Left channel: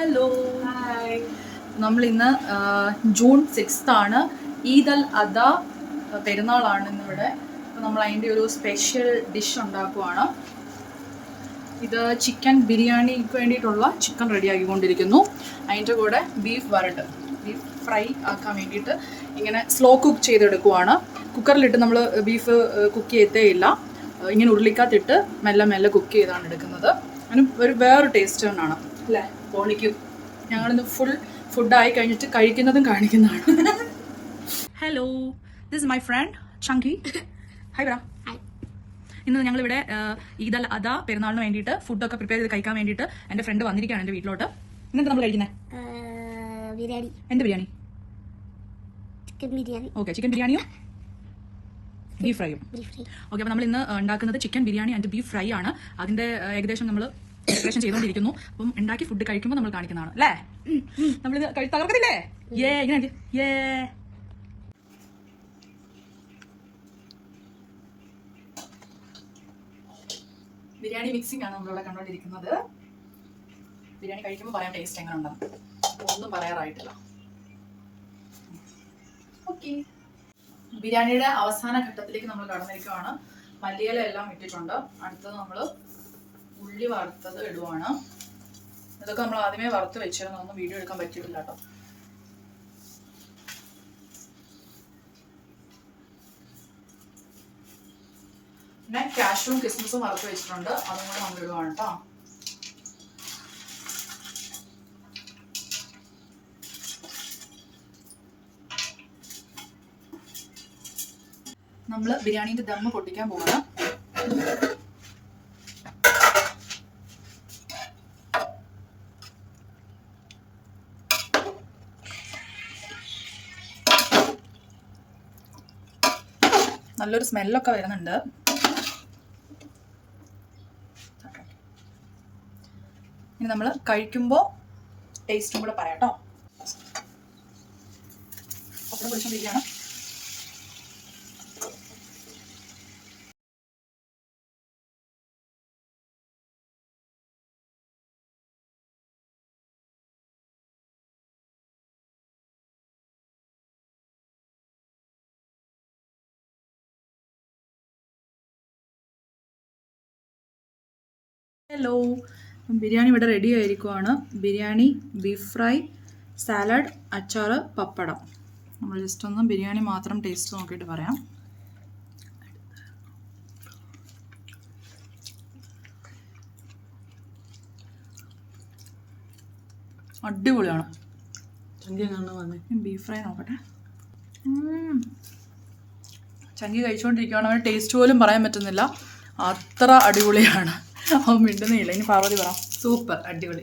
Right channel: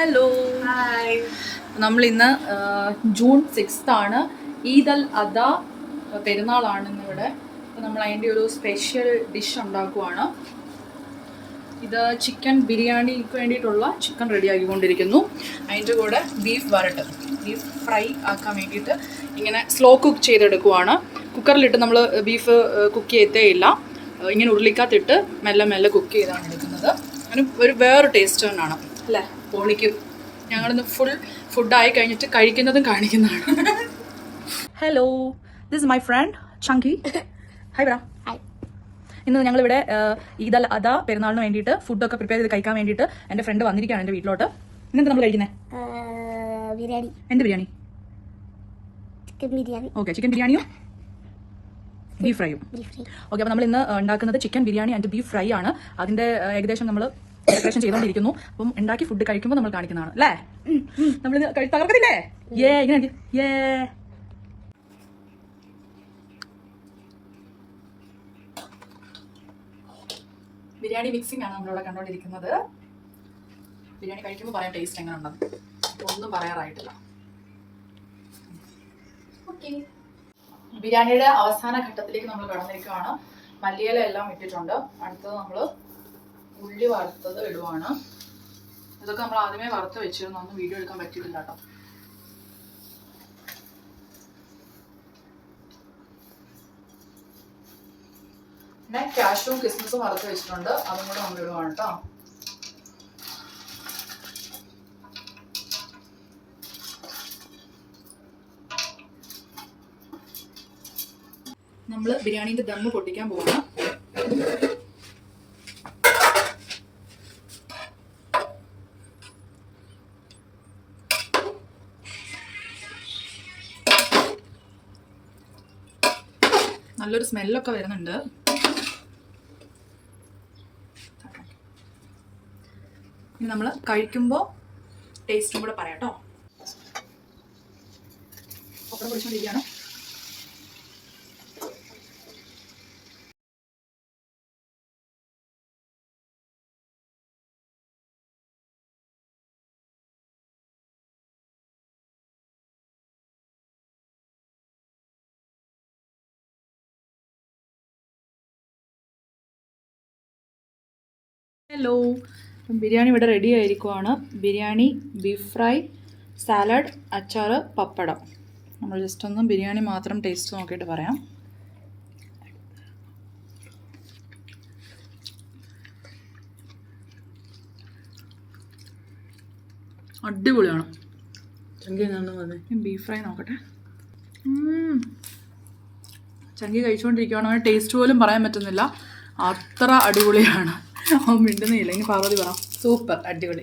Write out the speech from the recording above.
Hello, hi. നമ്മളിന്ന് June 6 ആണ്. ഈദ് അൽ അദ പെരുന്നാളാണ് ഇന്നിവിടെ. അപ്പോൾ നമ്മൾ അതിൻ്റെ ഒരു സ്പെഷ്യൽ ഡിഷ് ഉണ്ടാക്കുവാണ്. ഇത് ചിക്കൻ ബിരിയാണിക്ക് വേണ്ടിയിട്ടുള്ള ചിക്കൻ റെഡി ആക്കിക്കൊണ്ടിരിക്കുന്നു. അതിൻ്റെ കൂടെ ബീഫ് ഫ്രൈ ആക്കാൻ വേണ്ടിയിട്ട് ഇങ്ങനെ സ്ലോ കുക്ക് ചെയ്തെടുക്കുവാണ്. കുക്കറിലിട്ട് നമ്മൾ ബീഫ് കുക്ക് ചെയ്തേയില്ല, ഇങ്ങനെ ഉരുളിക്കകത്തിട്ട് മെല്ലെ മെല്ലെ കുക്ക് ചെയ്താണ് എടുക്കുന്നത്. അതിന് വേറൊരു ടേസ്റ്റ് തന്നെയാണ് അല്ലേ? പോണിക്കും. ഞങ്ങളിന്ന് ഫുഡായി കഴിഞ്ഞിട്ട് കഴിക്കുന്നതും കാണിക്കുന്നതാണ്. ഹലോ, ദിസ് മൈ ഫ്രണ്ട് ചങ്കി. Hi bro. ഇന്ന് ഞങ്ങളിവിടെ ഈദ് അൽ അദ പെരുന്നാളിന് വേണ്ടിയിട്ട് ഫുഡൊക്കെ പ്രിപ്പയർ ചെയ്ത് കഴിക്കാൻ വേണ്ടിയിട്ട് എൻ്റെ ഫ്രണ്ട് വന്നിരിക്കുകയാണ് എൻ്റെ വീട്ടിലോട്ട്. ഇന്നെന്താ നമ്മൾ കഴിക്കുന്നത്? ബിരിയാണി. എന്ത് biryani? Chicken biryani. Okay, chicken ബിരിയാണിയും ബീഫ് ഫ്രൈയും. ഓക്കെ, അപ്പോൾ നമ്മൾ ഇന്ന് ഉണ്ടാക്കുന്നത് chicken biryani and beef fry ആണ്. അതിൻ്റെ ഏകദേശം നമ്മൾ പ്രിപ്പറേഷൻ ചെയ്തുകൊണ്ടിരിക്കുന്നു. അപ്പം ഉണ്ടാക്കി ഫുഡ് കഴിക്കുമ്പോൾ നമ്മൾ കാണിക്കുന്നതാണ് അല്ലേ? നമ്മളിത് തകർക്കത്തില്ലേ? ഇങ്ങനെ ബിരിയാണി മിക്സിംഗ് ആണ് നമ്മളിവിടെ കണ്ടുകൊണ്ടിരിക്കുന്നത്. ബിരിയാണി കഴിക്കുമ്പോൾ പറയാം ടേസ്റ്റ് എങ്ങനെ ഉണ്ടെന്ന്. ഒന്നും പറയാറായിട്ടില്ല. ഓക്കെ, ബിരിയാണിയുടെ അവസാന ഘട്ടത്തിലേക്ക് നമ്മൾ കടന്നിരിക്കുകയാണ്. മല്ലിയില എല്ലാം ഇട്ടിട്ടുണ്ട്. അടുത്തത് നമ്മൾ ഉള്ളി വറുത്തത് ഇടുവാണ്. ഇതൊക്കെ നമ്മൾ ആദ്യമേ വറുത്ത് വെച്ചിരുന്നു, ഒന്നും വീഡിയോ എടുക്കാൻ പറ്റിയിട്ടില്ല കേട്ടോ. പിന്നെ കാഷ്യൂവും കിസ്മിസും വറുത്ത് വെച്ചിട്ടുണ്ട്, അതും കൂടെ നമ്മൾ ഇടുവാണ് കേട്ടോ. നമ്മൾ ബിരിയാണീൻ്റെ ദമ്മ് പൊട്ടിക്കാൻ പോവാണ്. നല്ലൊരു സ്മെല്ലൊക്കെ വരുന്നുണ്ട്. ഇനി നമ്മൾ കഴിക്കുമ്പോൾ ടേസ്റ്റും കൂടെ പറയാം കേട്ടോ. പപ്പടം പൊടിച്ചുകൊണ്ടിരിക്കുകയാണ്. ഹലോ, ബിരിയാണി ഇവിടെ റെഡി ആയിരിക്കുവാണ്. ബിരിയാണി, ബീഫ് ഫ്രൈ, സാലഡ്, അച്ചാർ, പപ്പടം. നമ്മൾ ജസ്റ്റ് ഒന്ന് ബിരിയാണി മാത്രം ടേസ്റ്റ് നോക്കിയിട്ട് പറയാം. അടിപൊളിയാണ്. ബീഫ് ഫ്രൈ നോക്കട്ടെ. ചങ്കി കഴിച്ചുകൊണ്ടിരിക്കുകയാണ്. അവന് ടേസ്റ്റ് പോലും പറയാൻ പറ്റുന്നില്ല, അത്ര അടിപൊളിയാണ്. അവൻ മിണ്ടുന്നില്ല. ഇനി പാർവതി പറ. സൂപ്പർ, അടിപൊളി.